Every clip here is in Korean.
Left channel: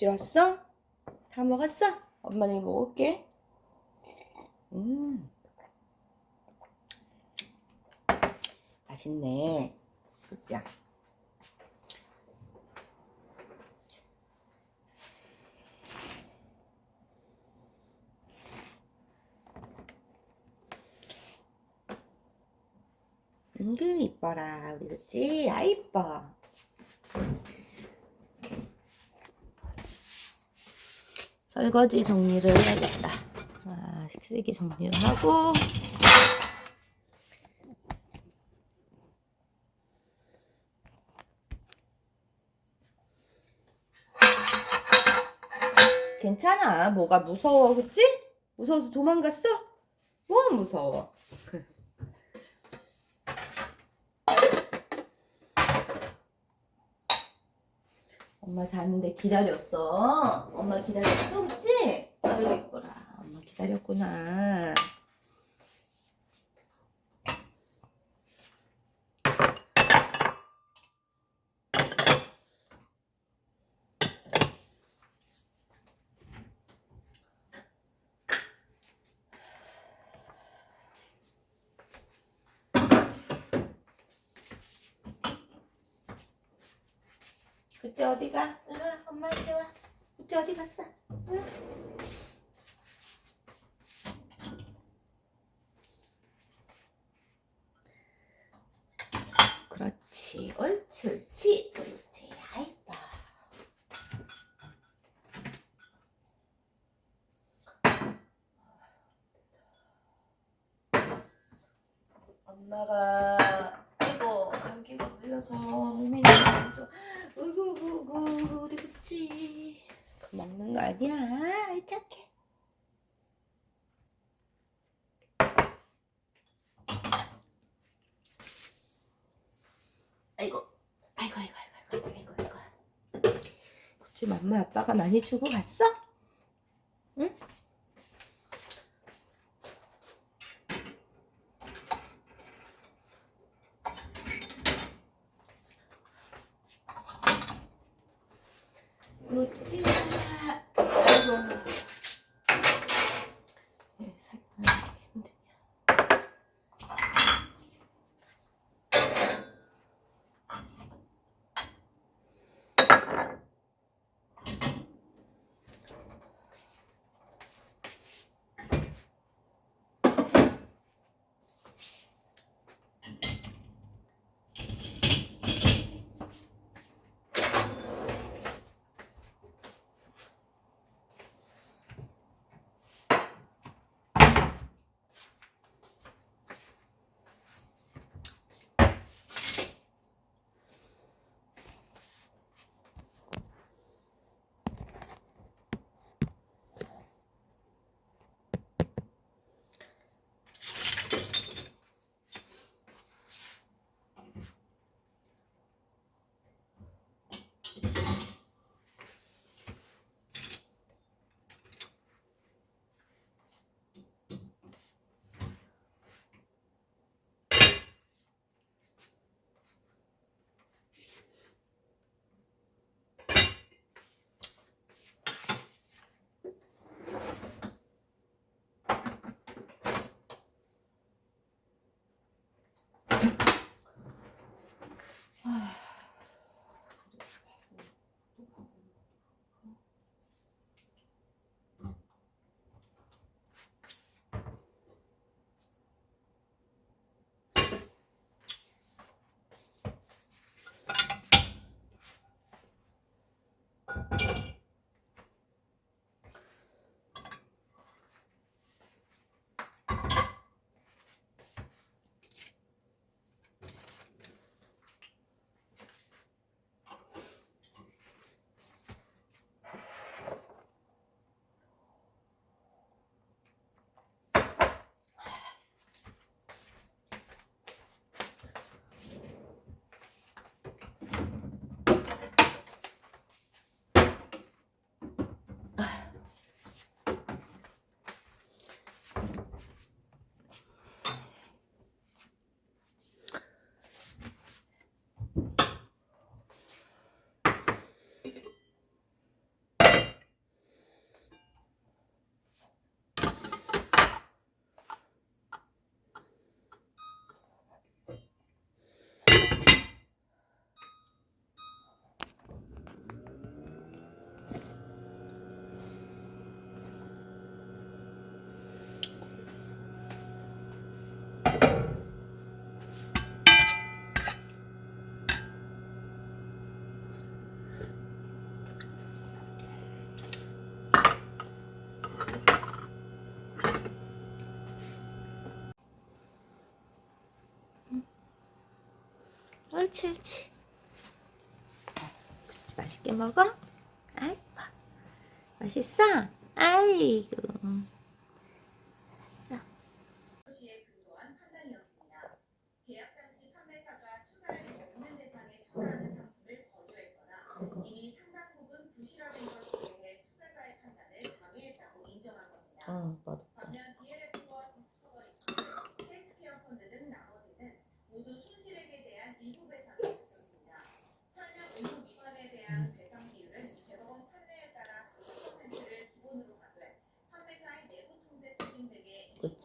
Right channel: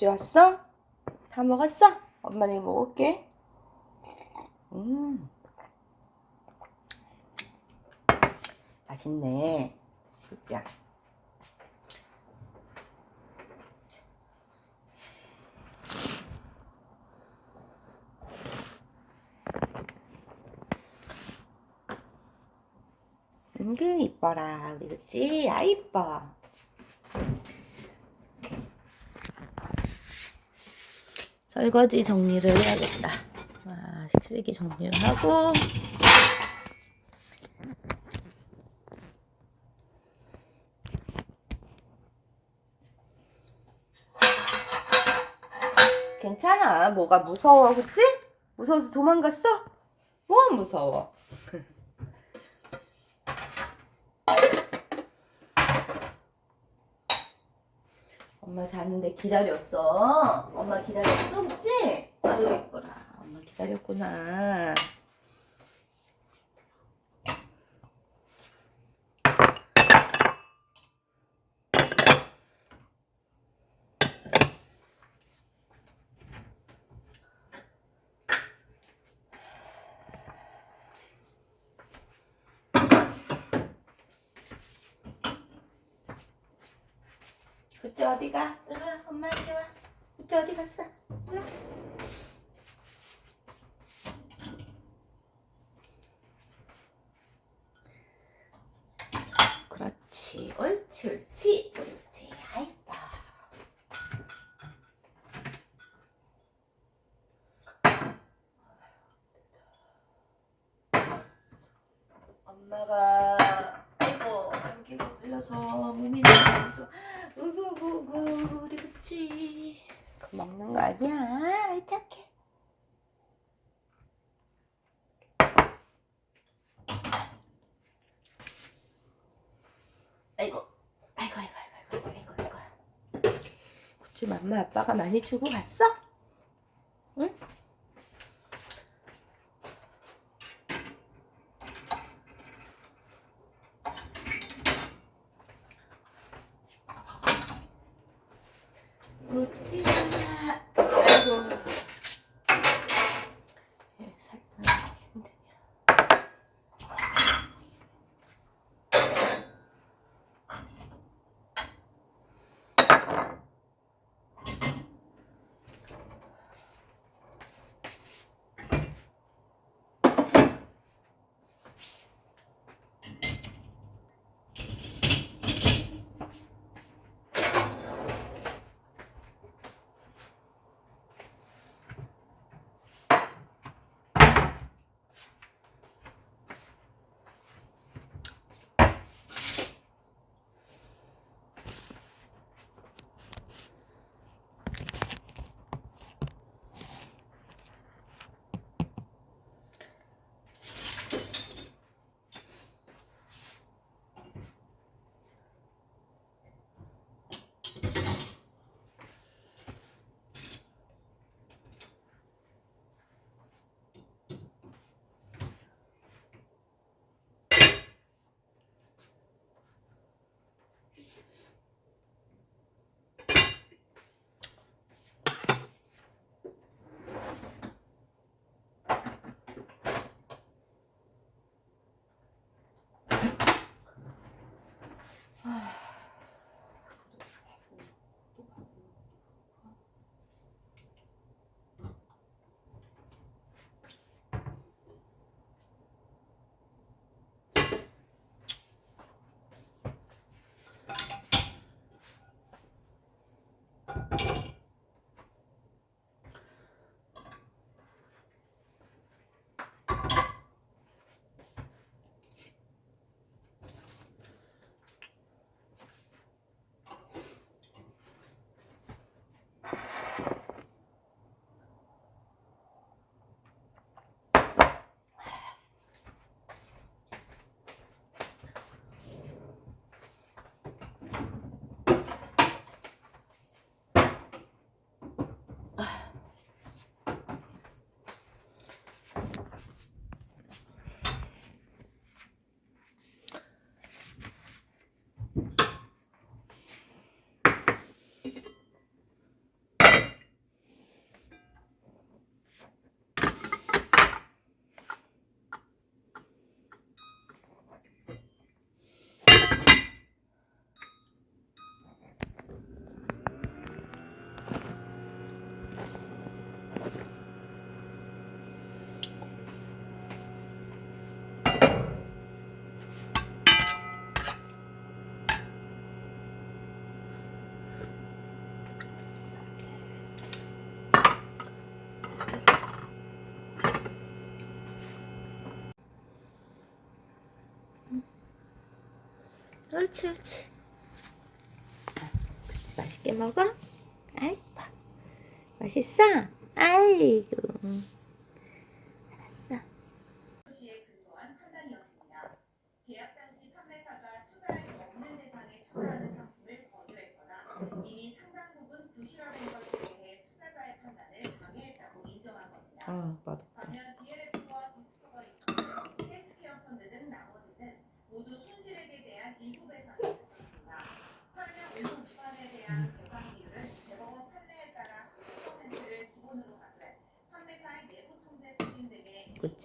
국지 왔어? 다 먹었어? 엄마 이거 먹을게. 음. 맛있네. 국지야. 은그 이뻐라 우리 그치? 아 이뻐. 설거지 정리를 해야겠다. 아, 쓰레기 정리를 하고 괜찮아. 뭐가 무서워, 그치? 무서워서 도망갔어? 뭐 무서워? 엄마 자는데 기다렸어. 엄마 기다렸어, 그치? 아유, 이뻐라. 엄마 기다렸구나. 그치 어디가? 이리 와, 엄마한테 와. 그치 어디 갔어? 이리 와. 그렇지, 옳지, 옳지, 옳지, 아이뻐. 엄마가 아이고 감기가 걸려서 몸이 너무 안 좋아. 우구구구 우리 그치 그 먹는 거 아니야. 착해. 아이고 아이고 아이고 아이고 아이고 아이고. 그치 맘마 아빠가 많이 주고 갔어? 옳지, 옳지. 그치, 맛있게 먹어? 아이, 맛있어? 아이고.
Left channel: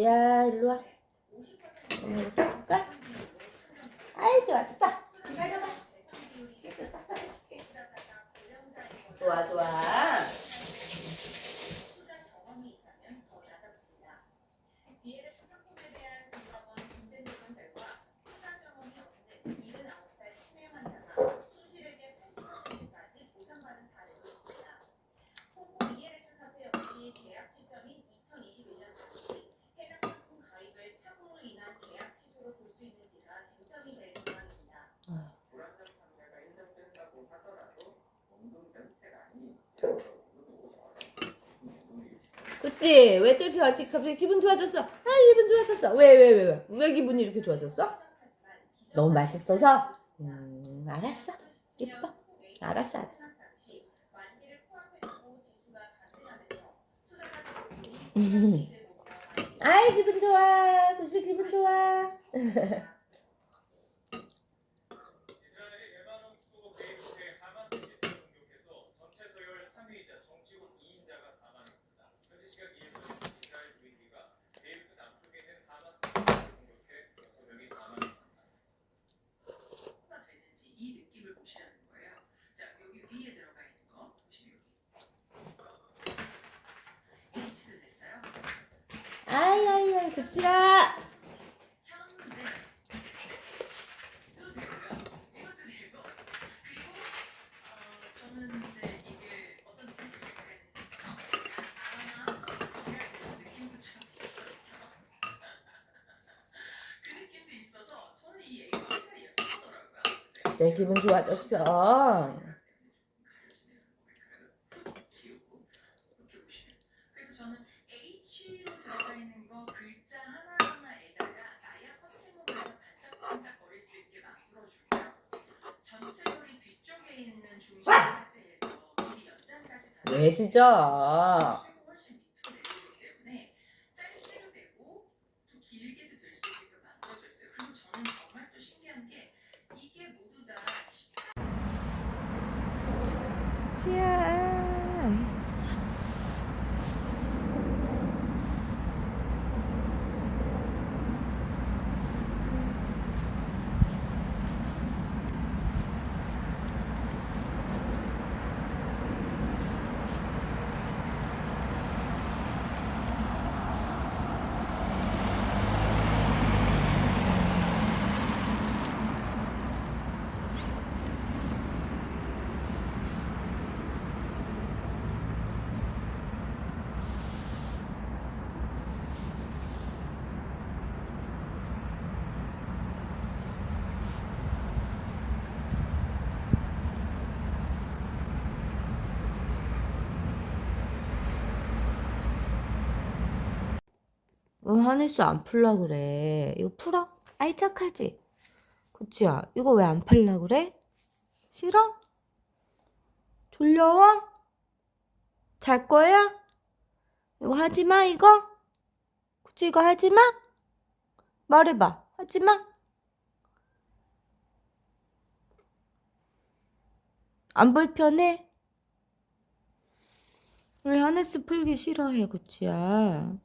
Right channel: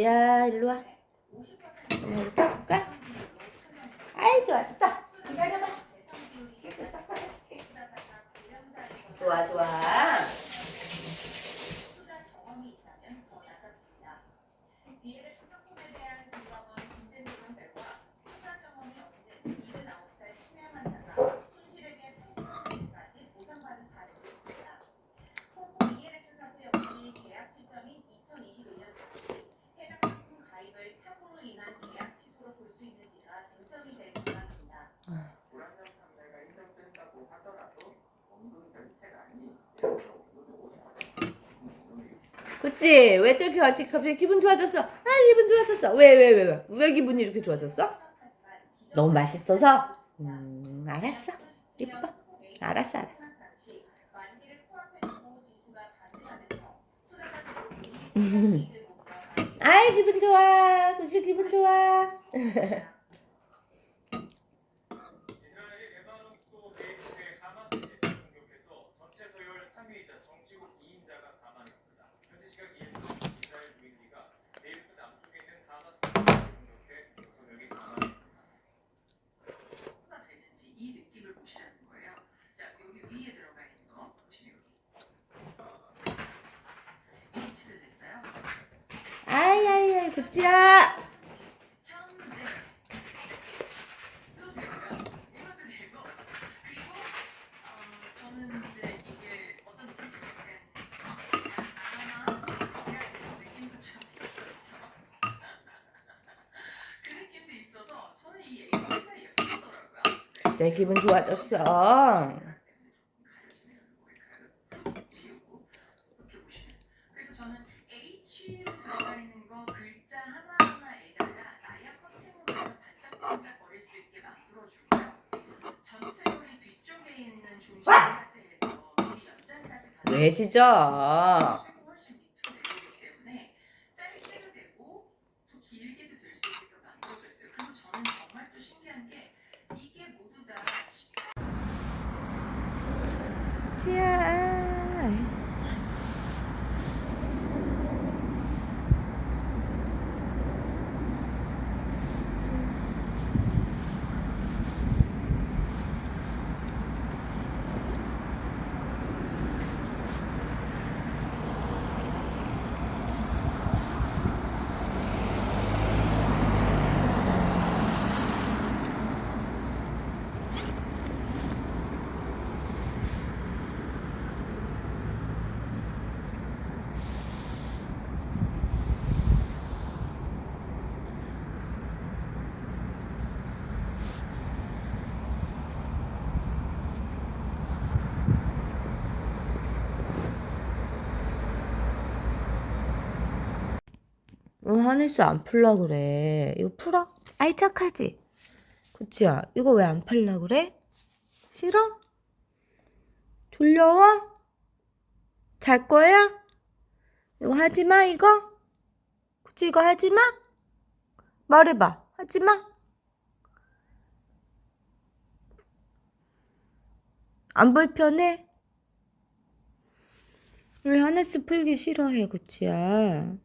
야, 일로 와. 이렇게 줄까? 그렇지. 왜 이렇게 갑자기 기분 좋아졌어? 아, 기분 좋아졌어. 왜, 왜, 왜, 왜? 왜 기분이 이렇게 좋아졌어? 너무 맛있어서? 음, 알았어. 이뻐. 알았어, 알았어. 아이, 기분 좋아. 구시 기분 좋아. 득지야. 내 기분 좋아졌어. 왜 짖어? 지야. 응, 하늘수 안 풀라 그래. 이거 풀어? 알짝하지? 그치야? 이거 왜 안 팔라 그래? 싫어? 졸려워? 잘 거야? 이거 하지 마, 이거? 그치, 이거 하지 마? 말해봐. 하지 마. 안 불편해? 우리 하네스 풀기 싫어해, 그치야?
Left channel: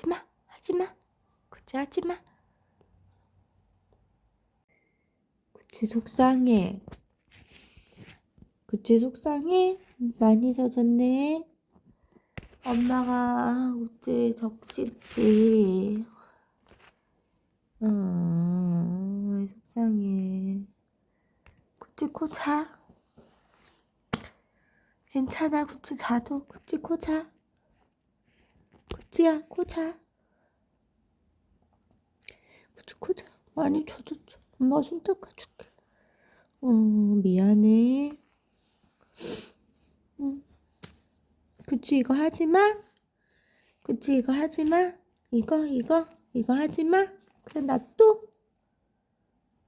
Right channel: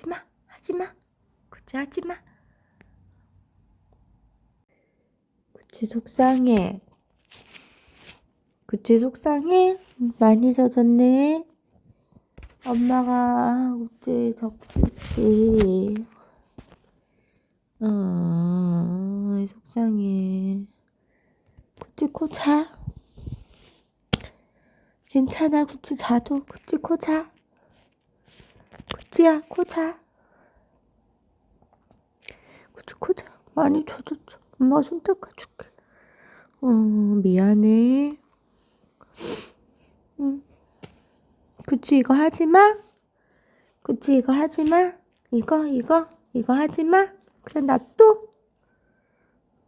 하지마, 하지마, 구찌 하지마. 구찌 속상해. 구찌 속상해. 많이 젖었네. 엄마가 구찌 적시지. 어, 속상해. 굳이 코 자. 괜찮아, 굳이 자도. 굳이 코 자. 코치야, 코자. 코치, 코자. 많이 젖었죠. 엄마 손 닦아줄게. 어, 미안해. 응. 그치, 이거 하지 마. 그치, 이거 하지 마. 이거, 이거, 이거 하지 마. 그냥 놔둬.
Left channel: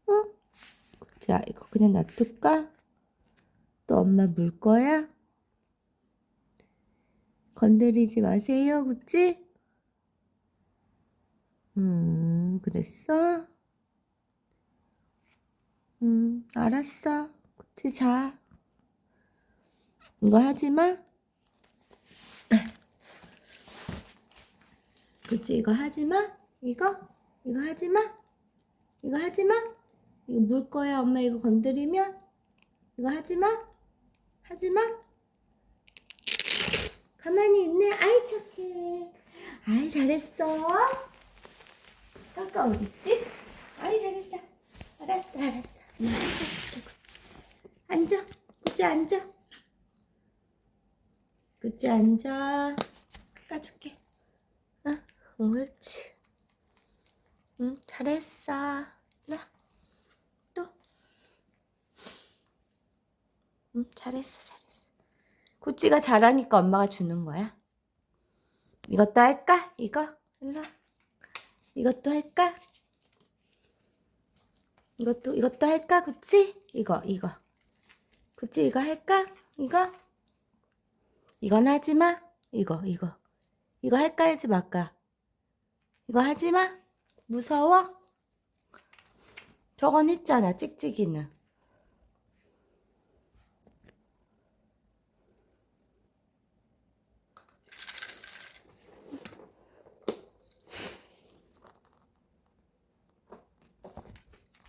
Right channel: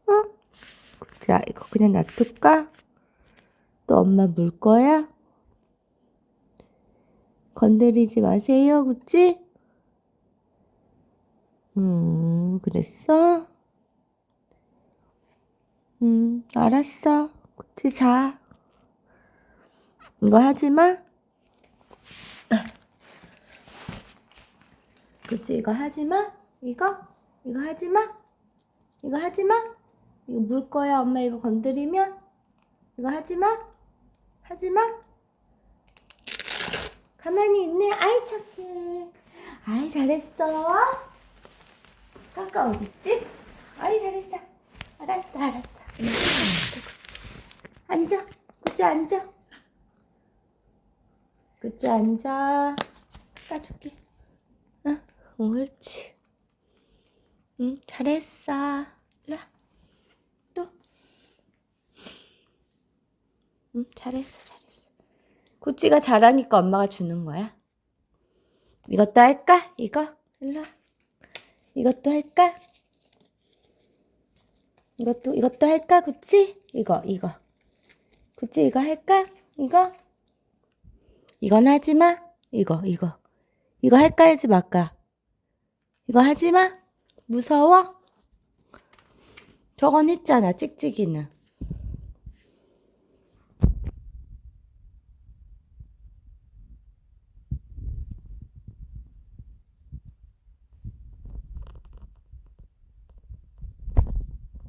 어? 그치야, 이거 그냥 놔둘까? 또 엄마 물 거야? 건드리지 마세요, 그치? 음, 그랬어? 음, 알았어. 그치, 자. 이거 하지 마. 그치, 이거 하지 마. 이거? 이거 하지 마. 이거 하지 마. 이거 물 거야, 엄마 이거 건드리면. 이거 하지 마. 하지 마. 가만히 있네. 아이, 착해. 아이, 잘했어. 까까 어딨지? 아이, 잘했어. 알았어, 알았어. 앉아. 그치, 앉아. 그치, 앉아. 깎아줄게. 어, 옳지. 응, 잘했어. 와. 또. 응, 잘했어, 잘했어. 구찌가 잘하니까 엄마가 주는 거야. 이것도 할까? 이거? 일로 와. 이것도 할까? 이것도, 이것도 할까? 구찌? 이거, 이거. 구찌 이거 할까? 이거? 이건 하지 마. 이거, 이거. 이거 할까 하지 말까? 이거 하지 마. 무서워? 저건 했잖아, 찍찍이는.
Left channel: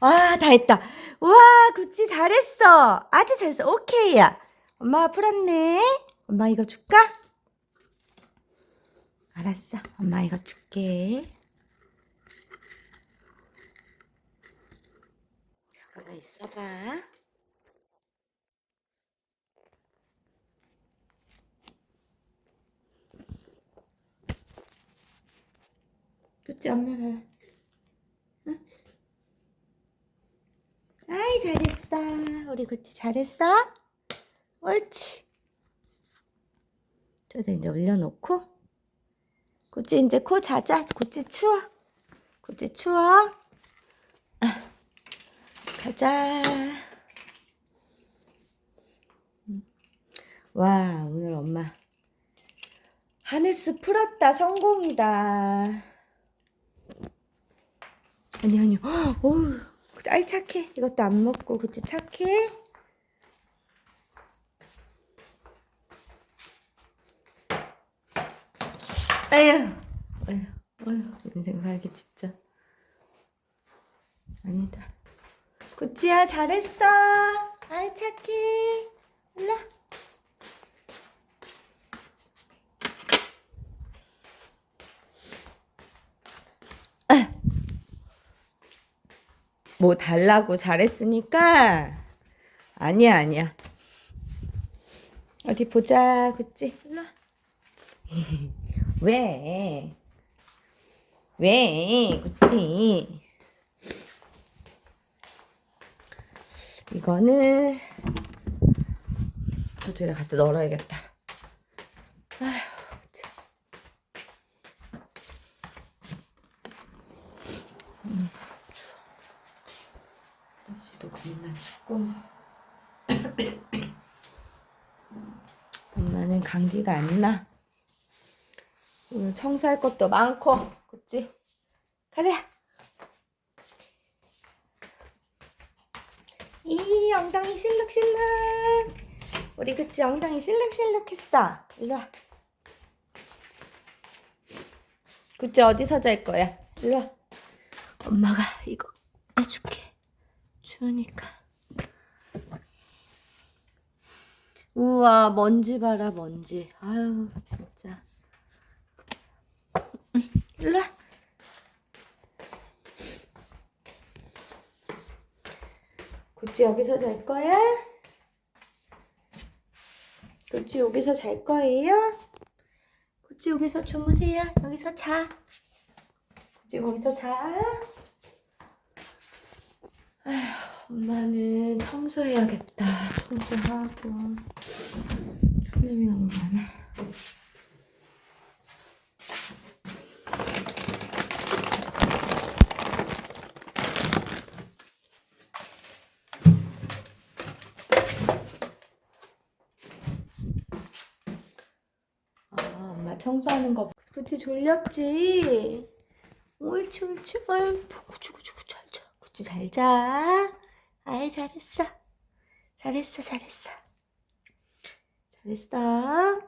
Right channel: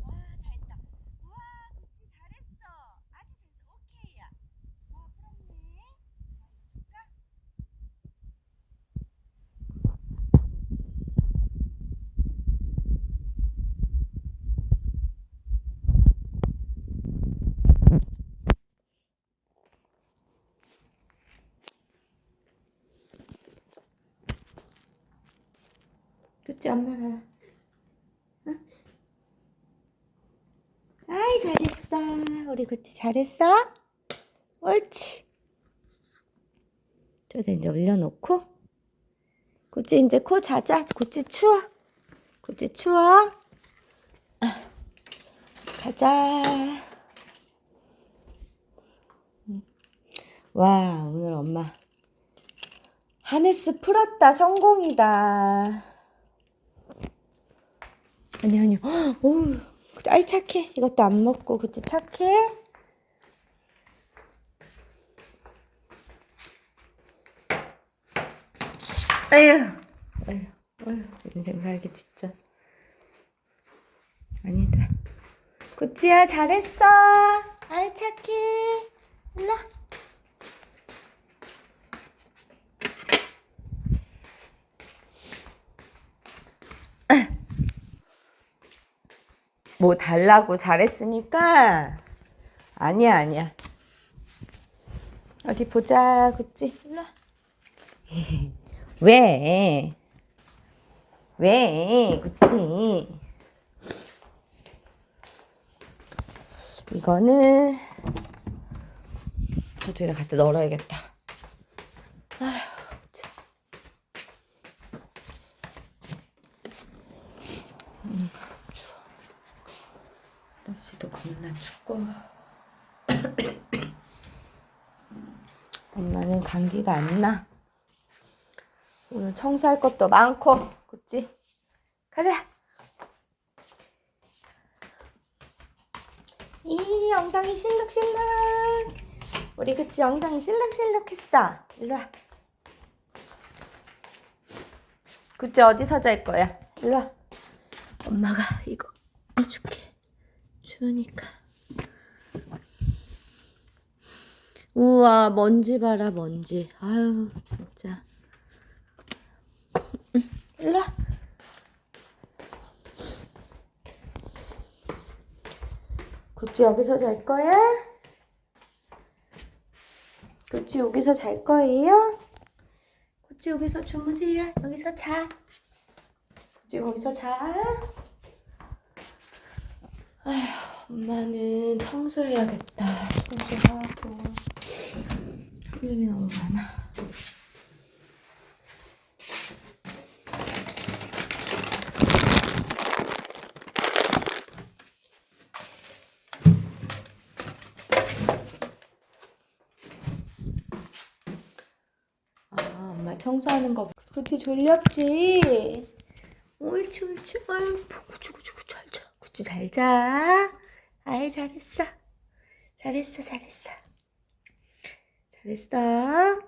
와, 다 했다. 우와, 구찌 잘했어. 아주 잘했어. 오케이야. 엄마가 풀었네. 엄마 이거 줄까? 알았어. 엄마 이거 줄게. 잠깐만 있어봐. 구찌 엄마가. 응? 아이 잘했어. 우리 구찌 잘했어? 옳지. 저도 이제 올려놓고 구찌 이제 코 자자. 구찌 추워. 구찌 추워. 아, 가자. 음. 와 오늘 엄마 하네스 풀었다 성공이다. 아니 아니. 어우 아이 착해. 이것도 안 먹고 구찌 착해. 아휴, 아휴, 아휴, 인생 살기 진짜. 아니다. 구찌야, 잘했어. 아이, 착해. 일로 뭐 달라고 잘했으니까 아니야 아니야 어디 보자 구찌 일로 와 왜? 왜? 그치? 이거는 저쪽에다 갖다 널어야겠다. 아휴, 참. 음, 추워. 날씨도 겁나 춥고. 엄마는 감기가 안 나. 오늘 청소할 것도 많고, 그치? 가자! 이 엉덩이 실룩실룩! 우리 그치 엉덩이 실룩실룩 했어. 일로 와. 그치 어디서 잘 거야? 일로 와. 엄마가 이거 해줄게. 추우니까. 우와, 먼지 봐라, 먼지. 아유, 진짜. 일로 와. 구찌 여기서 잘 거야? 구찌 여기서 잘 거예요? 구찌 여기서 주무세요. 여기서 자. 구찌 거기서 자. 엄마는 청소해야겠다. 청소하고. 할 일이 너무 많아. 아, 청소하는 거. 그치, 졸렸지? 옳지, 옳지. 아이, 구치, 구치, 구치, 잘 자. 구치, 잘 자. 아이, 잘했어. 잘했어, 잘했어. 잘했어.